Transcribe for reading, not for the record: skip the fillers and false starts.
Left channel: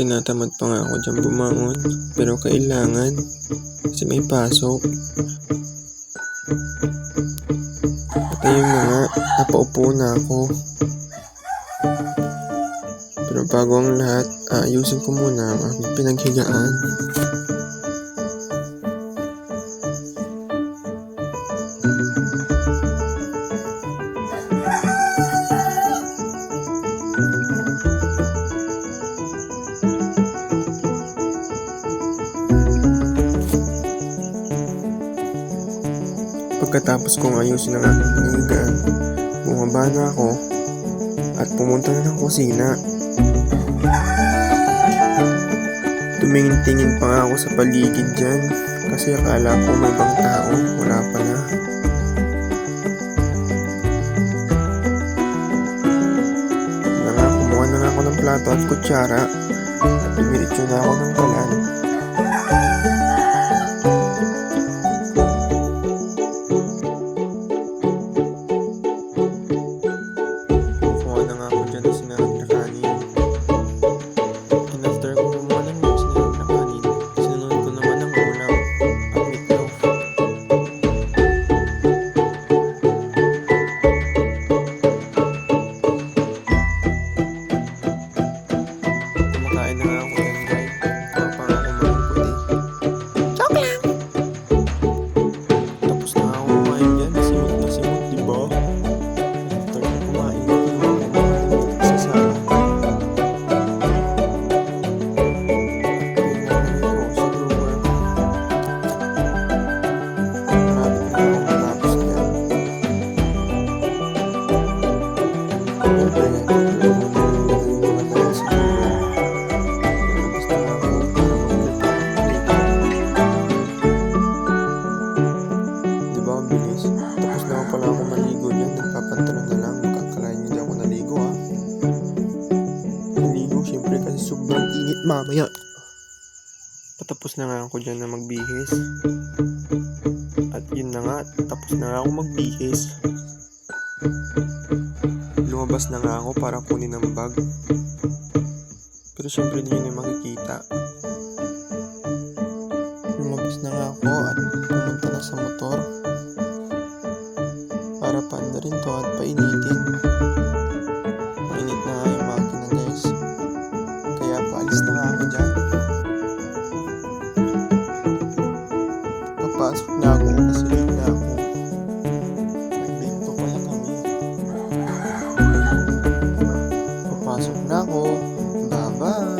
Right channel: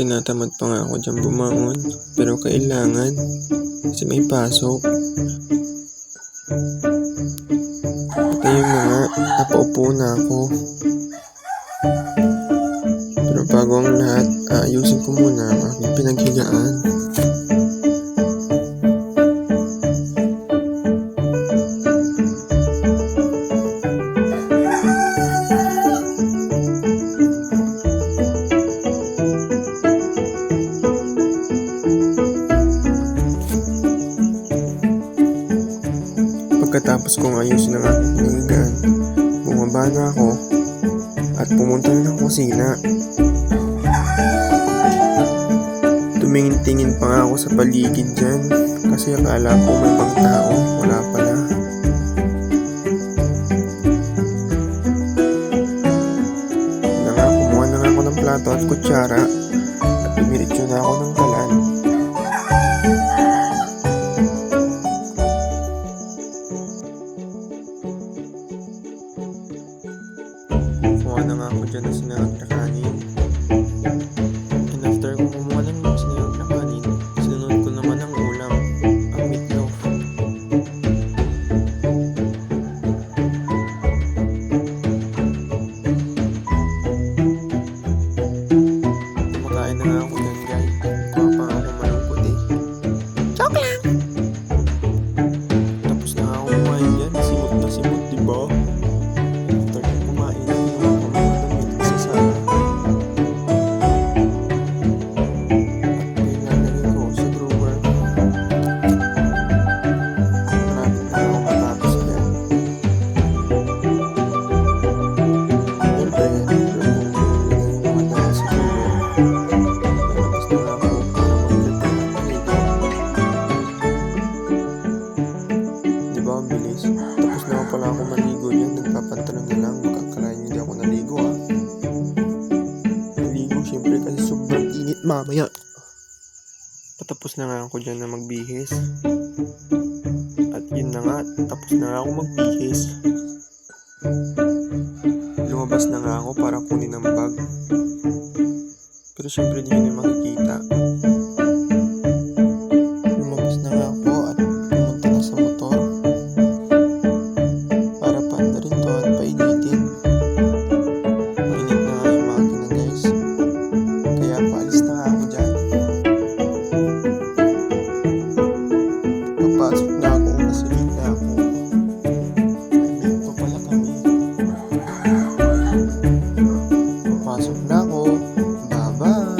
Tinatamad pa nga ako dyan bumangon. Pero kailangan. Kasi may pasok. At ayun na nga, napaupo na ako. Pero bago ang lahat, ayusin ko muna ang aking pinaghigaan. Pagkatapos kong ayusin ang aking pinaghigaan, bumaba na ako at pumunta na ng kusina. Tumingin-tingin pa nga ako sa paligid dyan kasi akala ko may ibang tao, wala pala. Kumuha na nga ako ng plato at kutsara at dumiretso na ako ng kalan. Kumuha na nga ako dyan ng sinahog na kanin. And after ko kumuha ng sinahog na kanin, sinunod ko naman ang ulam, ang meatloaf. Kumakain na nga ako dyan, guys. Kuha pa nga ako malungkot eh. Joke lang! Tapos na ako kumain dyan. Simot na simot, diba? After ko kumain, kinuha ko mga damit sa sala. At pinalagay ko sa drawer. Marapit na ako matapos dyan. Siyempre, nilagay yung mga damit sa drawer. Lalabas na nga ako para mag-prepare ng maligo. Diba ang bilis? Tapos na pala ako maligo dyan. Nagpapantalon na lang. Makakalain nyo di ako naligo ah. Naligo syempre kasi sobrang init mamaya. Patapos na nga ako dyan na magbihis. At yun na nga. Tapos na nga ako magbihis. Lumabas na nga ako para kunin ang bag. Pero syempre hindi nyo makikita. Lumabas na nga ako at pumunta na sa motor para paandarin to at painitin. Mainit na nga yung makina, guys. Kaya paalis na nga ako dyan. Papasok na ako kasi late na ako. May binto pala kami. Papasok na ako. Bye-bye!